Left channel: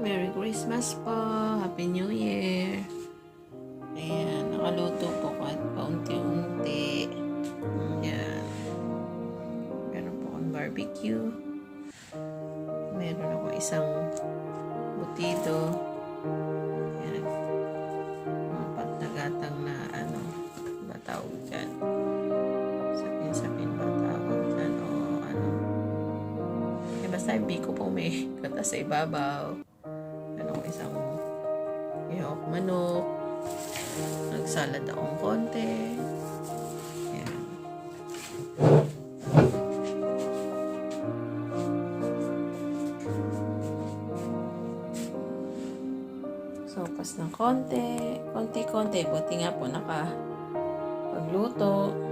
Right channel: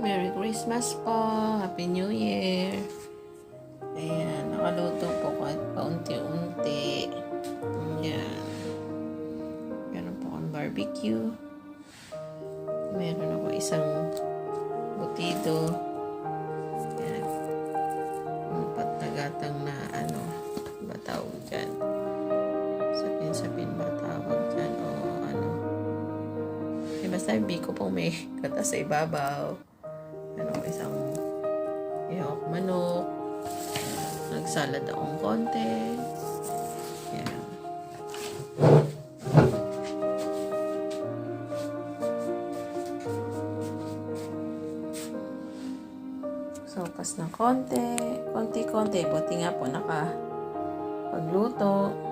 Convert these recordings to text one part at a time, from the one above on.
Merry Christmas po. Happy New Year. Ayan, nakaluto po kahit paunti-unti. Ayan. Meron po akong barbecue. Meron ako isang butido. Ayan. Mga patnagatang na ba tawag dyan? Sapin-sapin ba tawag dyan? O ano? Basta yung biko po may katas sa ibabaw. Isang ihawak manok. Nagsalad akong konti. Yan. Sopas ng konti. Konti-konti. Buti nga po pagluto.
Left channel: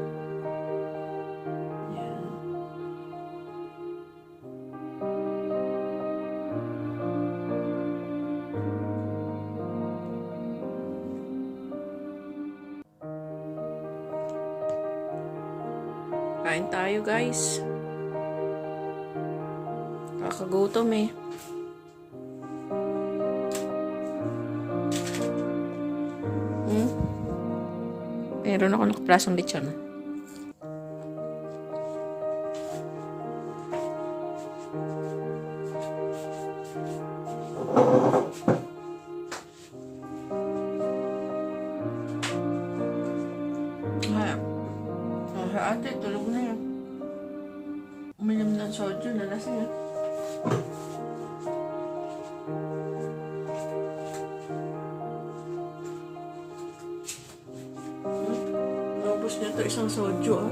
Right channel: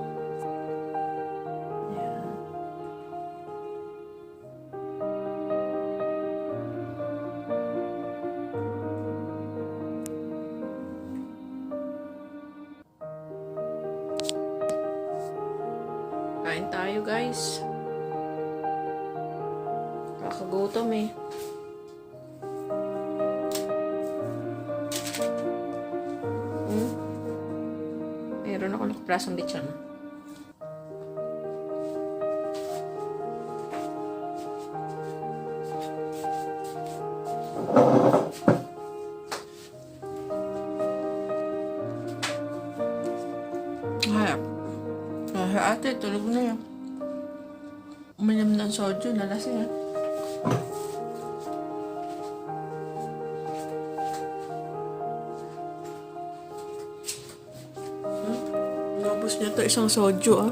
Kain tayo, guys. Kakagutom eh. Meron ako nakaplasang lechon. Ate, tulog na yan. Uminom ng soju, nalasing yan. Nabos niya ito isang soju, ah.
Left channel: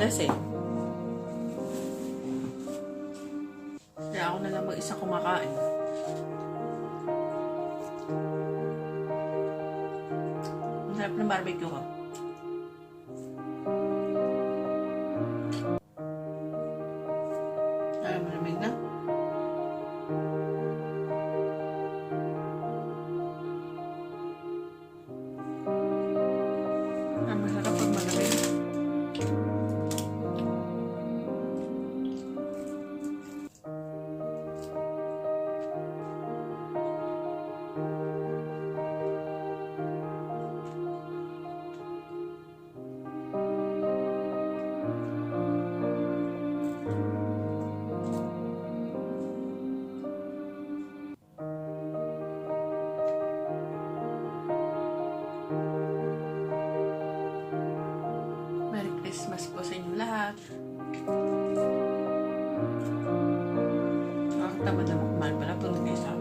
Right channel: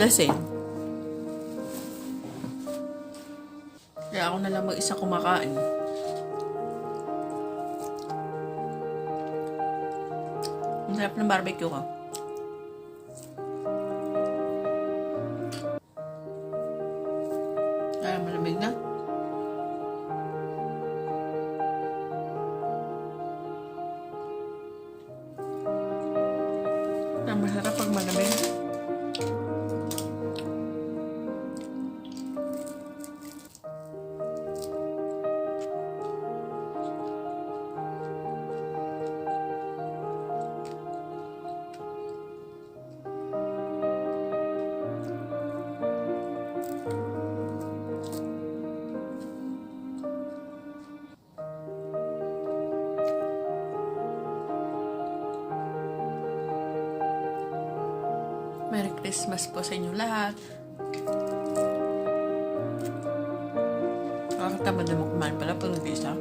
Lasing. Kaya ako na lang mag-isa kumakain. Ang sarap ng barbecue ko. Malamig na. Masarap pag malamig. Merry Christmas po sa inyo lahat. Nakakatamad naman kumain pala pag nag-isa.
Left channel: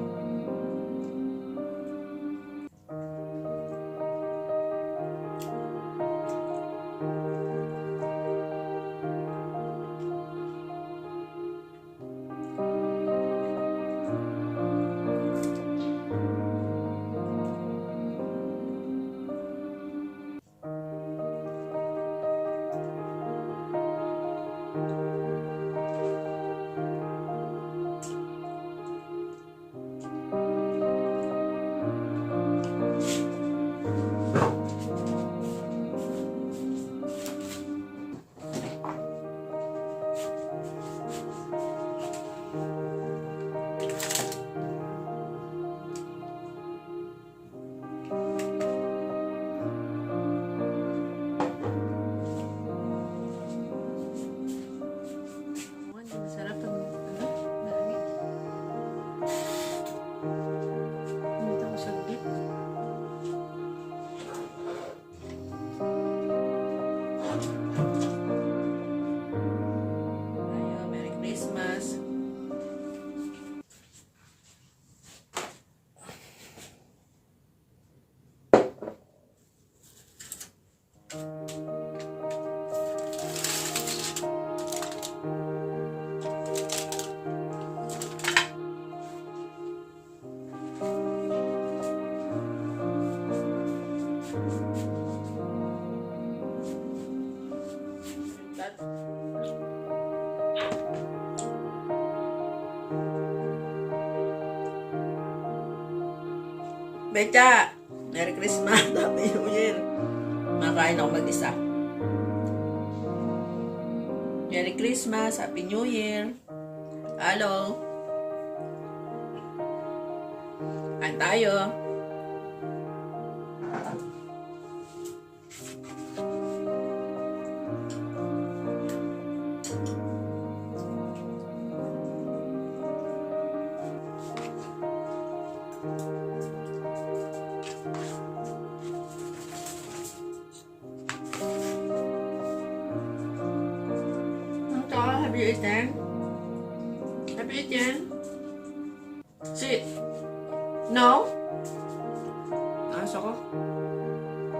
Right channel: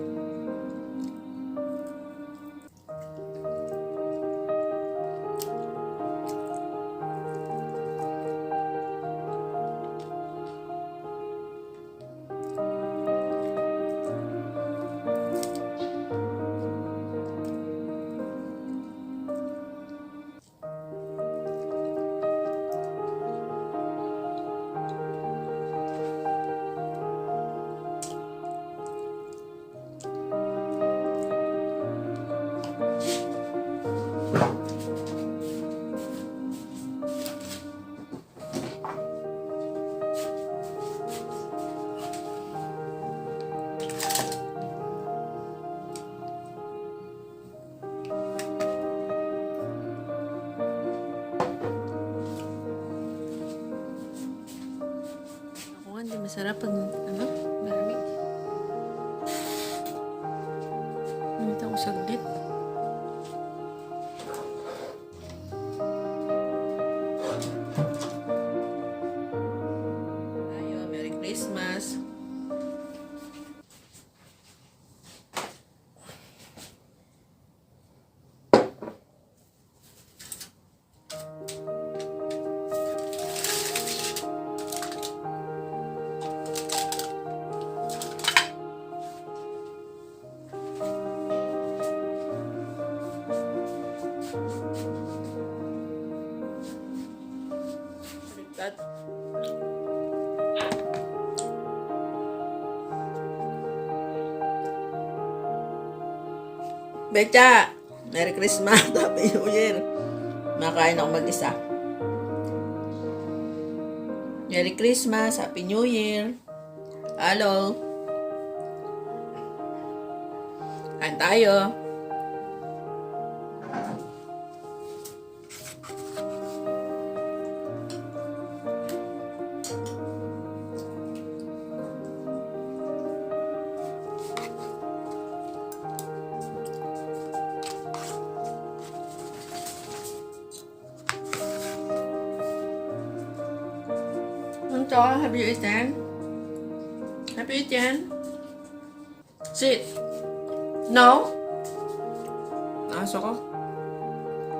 Masarap pag marami. Nandito ako saglit. Ayo, Merry Christmas. Becha! Merry Christmas! Happy New Year! Nakain ako mag-isa. Merry Christmas! Happy New Year! Hello! tayo. Have you eaten? Have you eaten? Sit. No? Aso ko.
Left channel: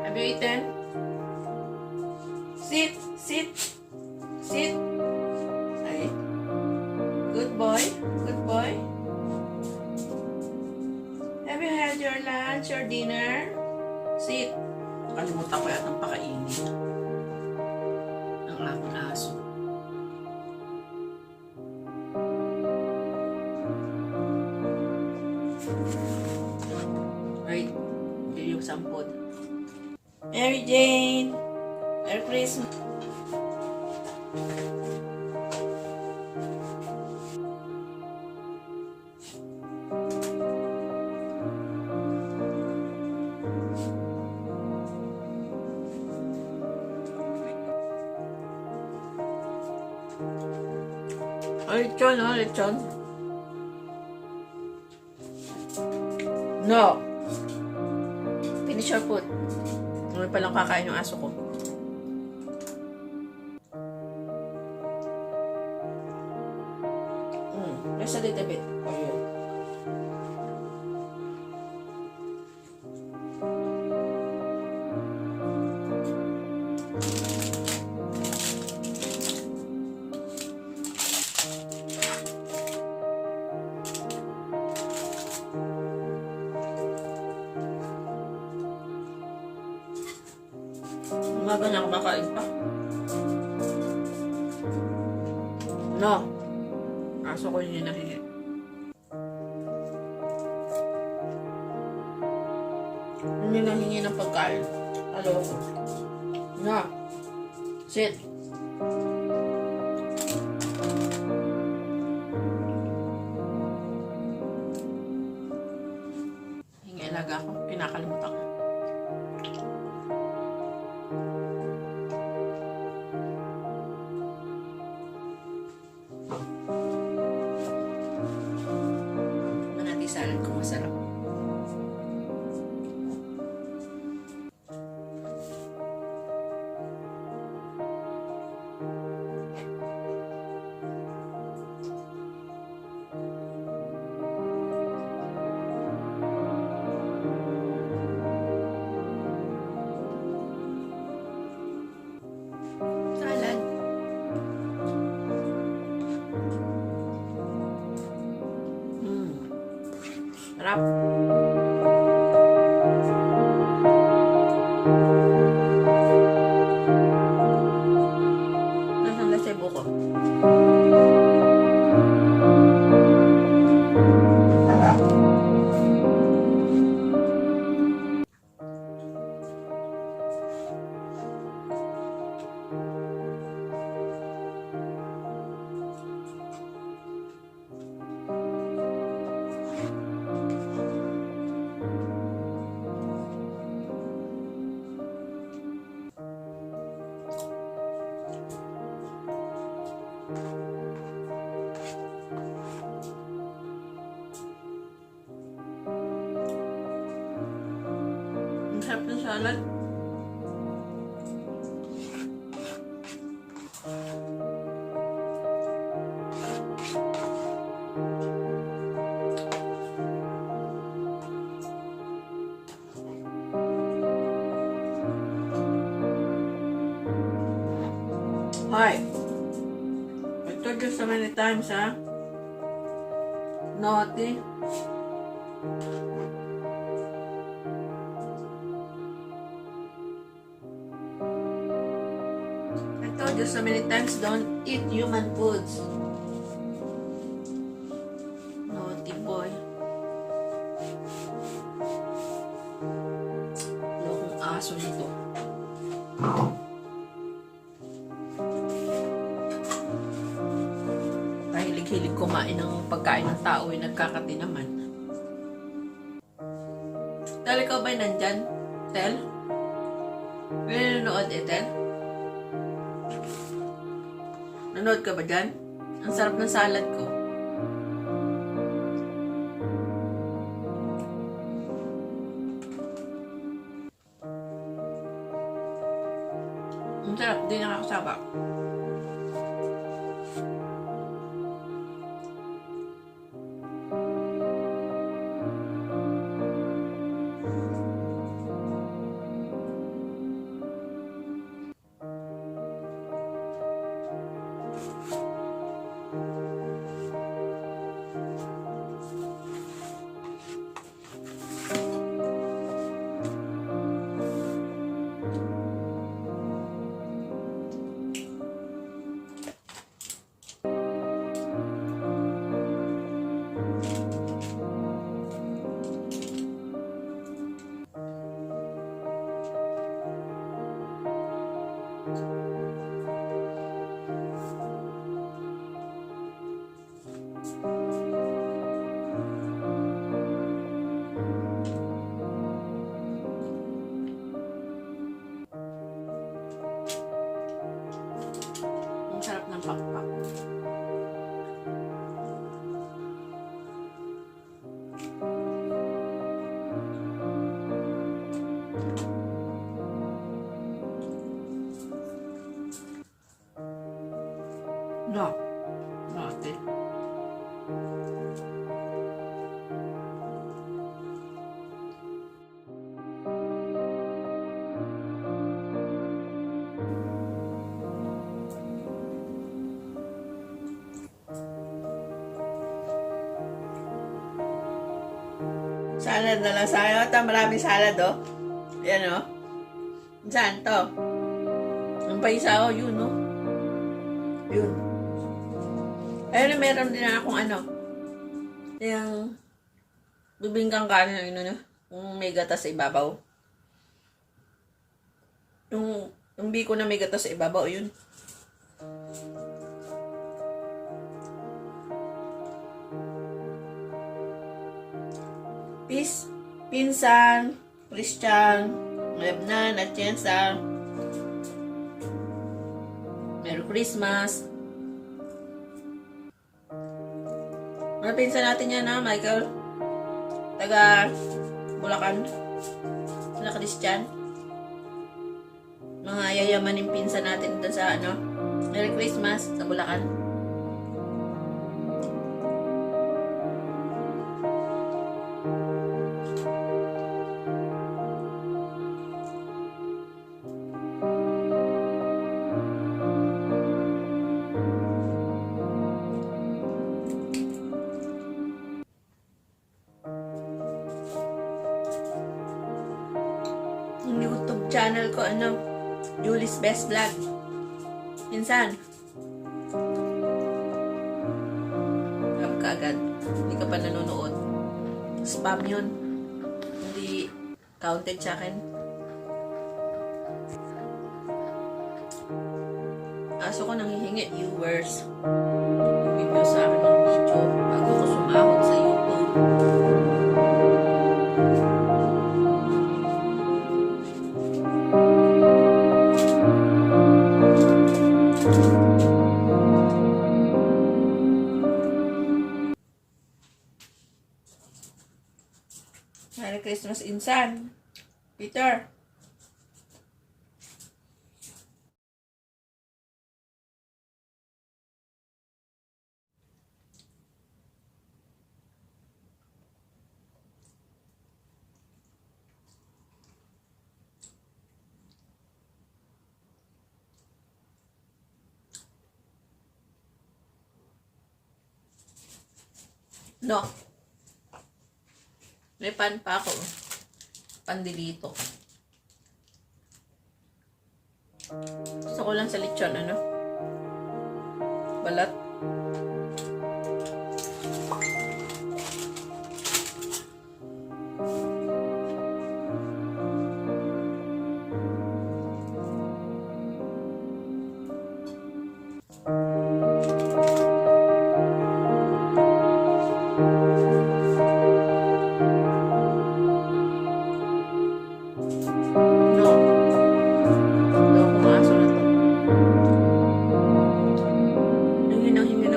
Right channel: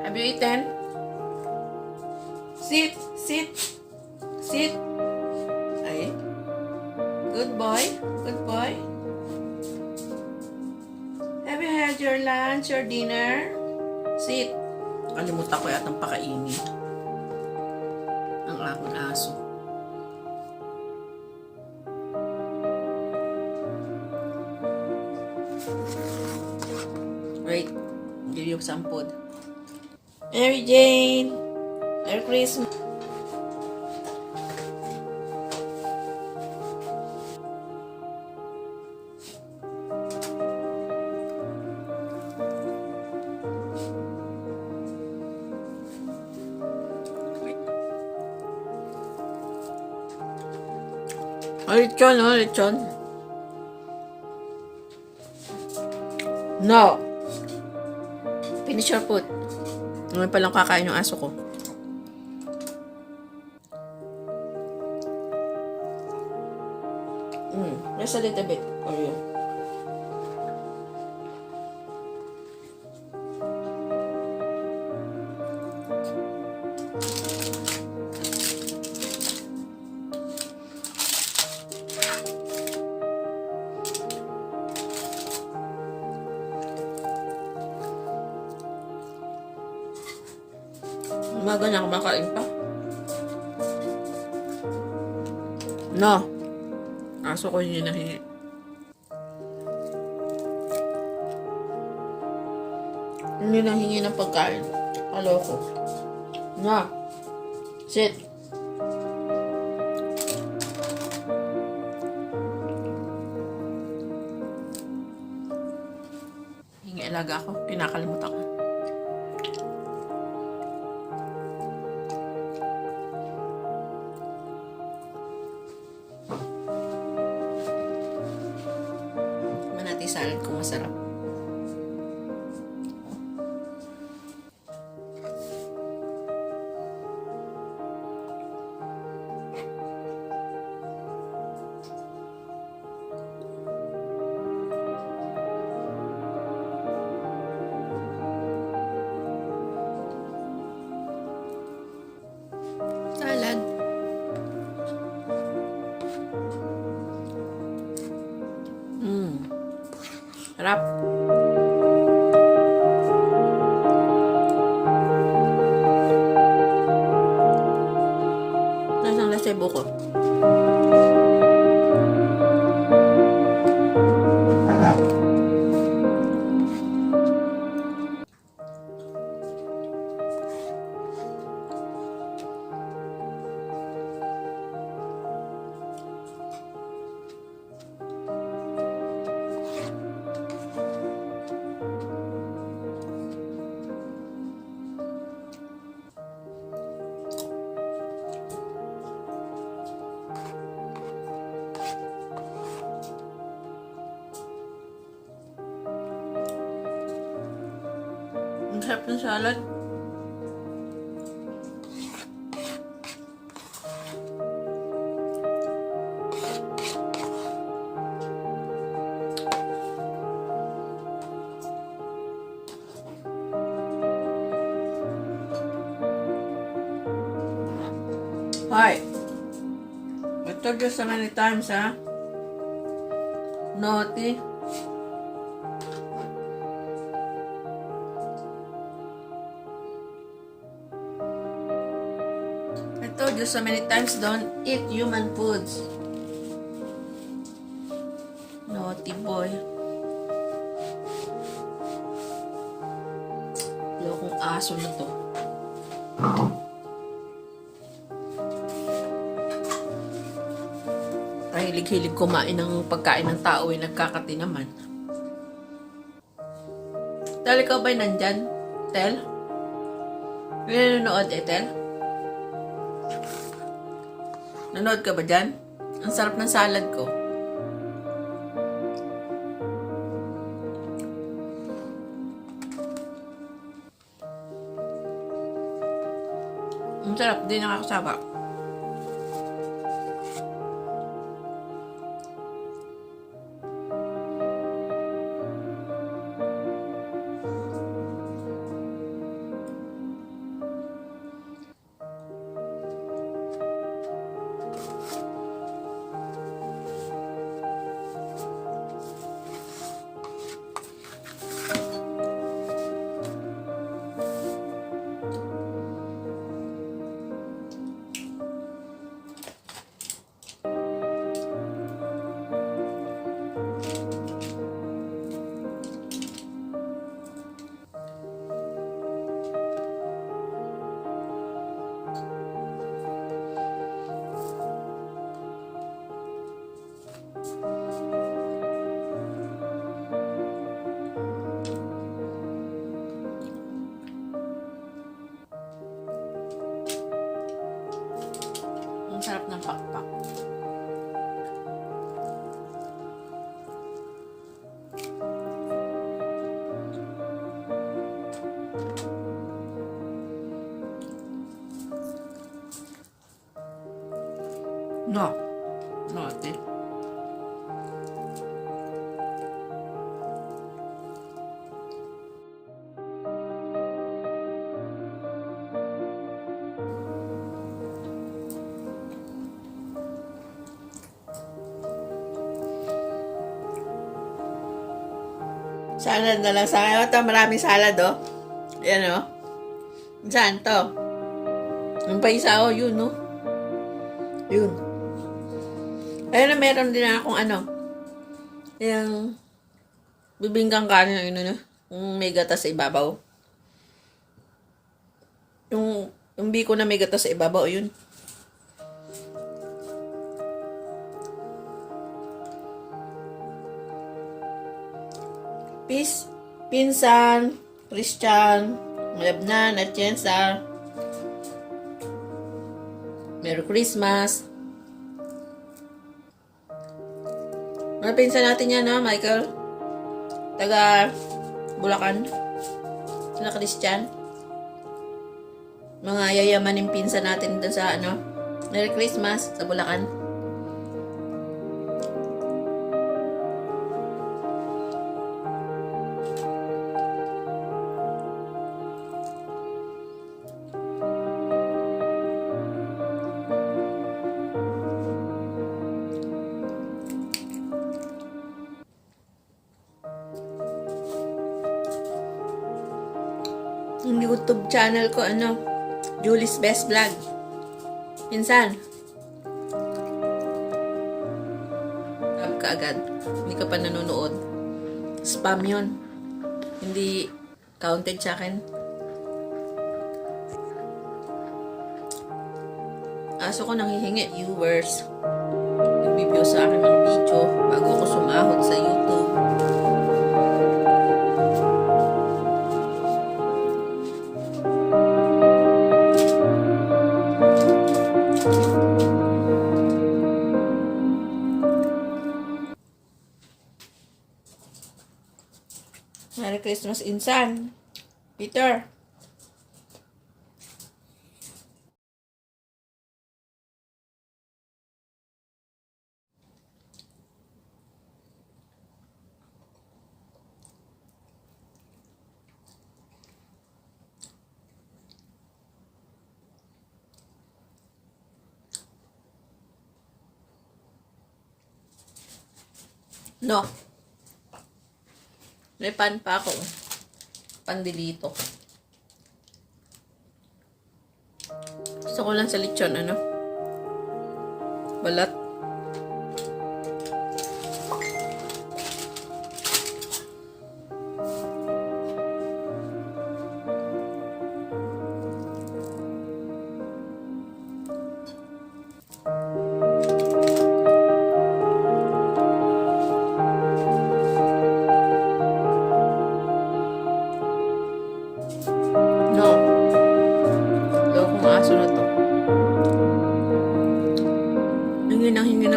Have you eaten? Sit. Sit. Sit. Ay. Good boy. Good boy. Have you had your lunch or dinner? Sit. Kalimutan ko yatang pakainin. Ang aking aso. Wait, give you some food. Mary Jane, Merry Christmas. Lechon, oh, lechon. No. Finish your food. Naman palang kakain yung aso ko. Just a little bit for you. Umaga na ako makain pa. No. Aso ko yun yung nahingi. Hindi nahingi ng pagkain. Aloko. No. Sit. Hingi alaga ako. Kinakalimutan ko. Salad ko masarap. Salad. Sarap. Nasaan lasebo ko? Ang sarap ng salad. Hi. I told you so many times, huh? Naughty. I told you so many times, don't eat human foods. Naughty boy. Lokong aso nito. Hilig-hilig kumain ng pagkain ng tao ay nagkakati naman. Tel, ikaw ba'y nandyan? Tel? May nanonood Tel? Nanood ka ba dyan? Ang sarap ng salad ko. Ang sarap, di nakakasaba. Ang sarap ng pakpak. No. No, ate. Salad na lang sa akin. Ito, maraming salad, oh. Yan, oh. Saan to? Yung pa isa, oh, yun, oh. Yun. Ayun na, meron din akong ano. Yung bibingkang kanin, yun, ano. Yung may gatas sa ibabaw. Yung biko na may gatas sa ibabaw, yun. Peace, Pinsan, Christian, Lebnan, Atienza. Merry Christmas. Mga pinsan natin yan, ha, Michael? Taga Bulacan. Sila Christian. Mga yayamaning pinsan natin doon sa ano. Merry Christmas sa Bulacan. Yung YouTube channel ko, ano, Julie's Best Vlog. Pinsan. Alam ka agad. Hindi ka pa nanonood. Spam yun. Hindi counted sa akin. Aso ko nanghihingi viewers. Nag-review sa akin ng video bago ako sumahod sa YouTube. Merry Christmas, Insan. Peter. No. May pan pa ako. Pandilito. Gusto ko lang sa lechon, ano? Balat.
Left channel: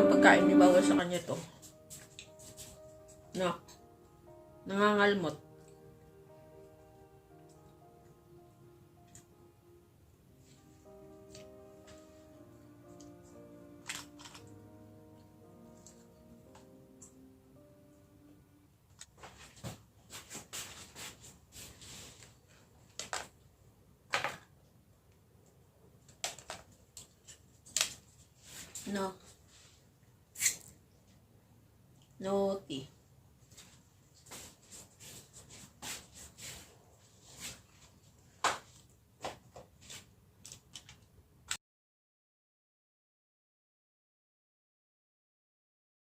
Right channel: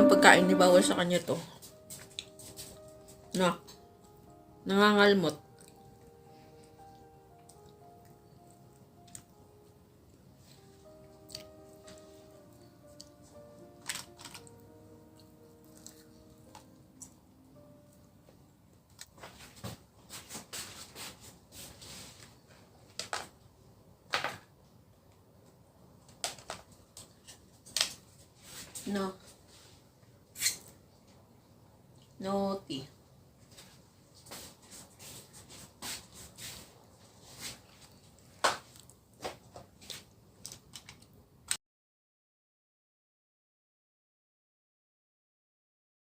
ng pagkain ni bawal sa kanya to. No. Nangangalmot. No. Naughty.